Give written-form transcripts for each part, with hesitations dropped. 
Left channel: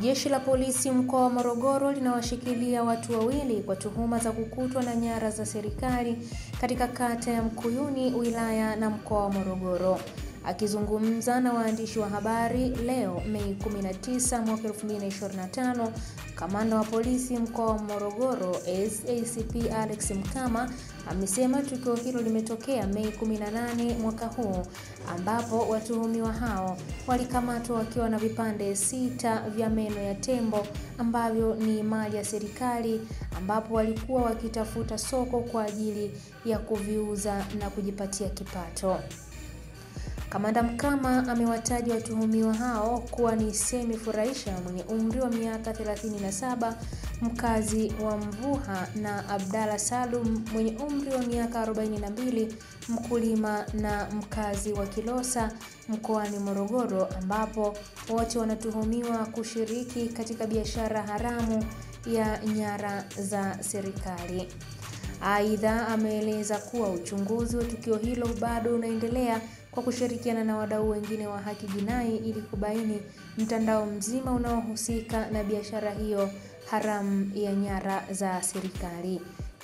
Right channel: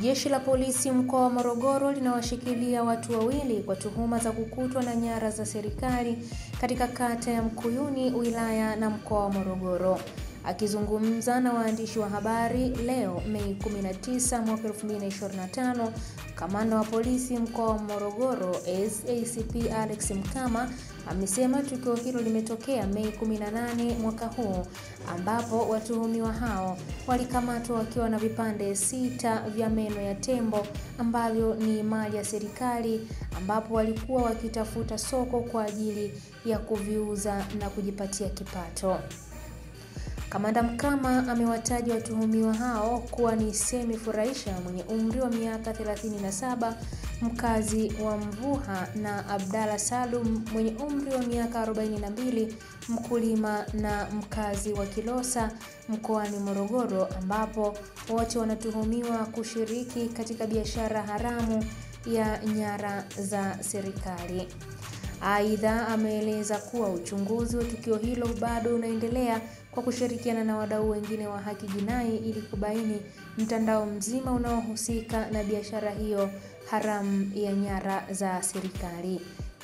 Jeshi la polisi mkoa wa Morogoro linawashikilia watu wawili kwa tuhuma za kukutwa na nyara za serikali katika kata ya Mkuyuni, wilaya na mkoa wa Morogoro. Akizungumza na waandishi wa habari leo Mei 19 mwaka 2025, kamanda wa polisi mkoa wa Morogoro SACP Alex Mkama amesema tukio hilo limetokea Mei 18 mwaka huu, ambapo watuhumiwa hao walikamatwa wakiwa na vipande 6 vya meno ya tembo ambavyo ni mali ya serikali, ambapo walikuwa wakitafuta soko kwa ajili ya kuviuza na kujipatia kipato. Kamanda Mkama amewataja watuhumiwa hao kuwa ni Semi Furahisha mwenye umri wa miaka 37, mkazi wa Mvuha, na Abdalla Salum mwenye umri wa miaka 42, mkulima na mkazi wa Kilosa mkoani Morogoro, ambapo wote wanatuhumiwa kushiriki katika biashara haramu ya nyara za serikali. Aidha, ameeleza kuwa uchunguzi wa tukio hilo bado unaendelea kwa kushirikiana na wadau wengine wa haki jinai ili kubaini mtandao mzima unaohusika na biashara hiyo haramu ya nyara za serikali.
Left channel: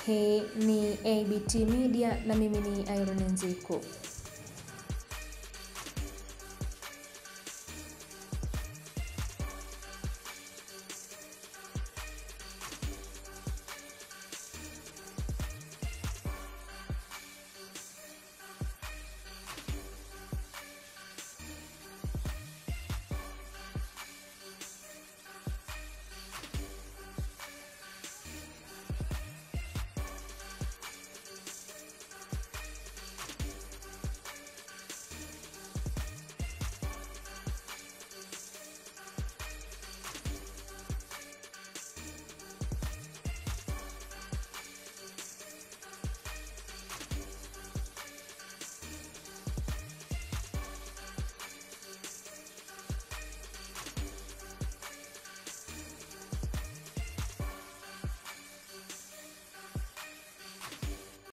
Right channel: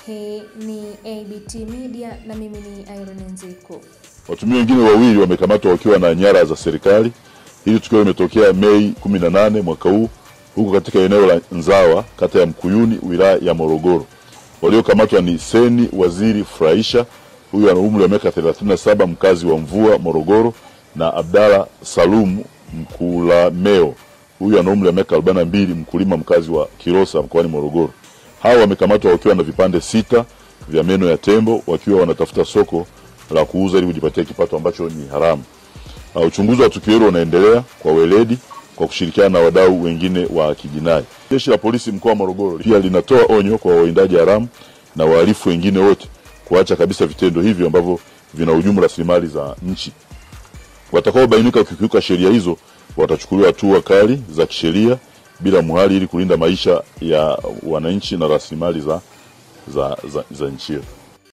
Hii ni ABT Media na mimi ni Irene Nziku. Watuhumiwa wengine wawili wamekamatwa wakiwa na nyara za serikali. Hili tukio limetokea Mei 18 mwaka huu huko katika eneo la Nzawa, kata ya Mkuyuni, wilaya ya Morogoro. Waliokamatwa ni Seni Waziri Furahisha, huyu ana umri wa miaka 37, mkazi wa Mvua Morogoro, na Abdalla Salum Mkulameo, huyu ana umri wa miaka 42, mkulima mkazi wa Kilosa mkoani Morogoro. Hao wamekamatwa wakiwa na vipande 6 vya meno ya tembo, wakiwa wanatafuta soko la kuuza ili kujipatia kipato ambacho ni haramu. Uchunguzi wa tukio hilo unaendelea kwa weledi kwa kushirikiana na wadau wengine wa kijinai. Jeshi la polisi mkoa wa Morogoro pia linatoa onyo kwa wawindaji haramu na wahalifu wengine wote kuacha kabisa vitendo hivyo ambavyo vinahujumu rasilimali za nchi. Watakaobainika kukiuka sheria hizo watachukuliwa hatua kali za kisheria bila muhali ili kulinda maisha ya wananchi na rasilimali za nchi.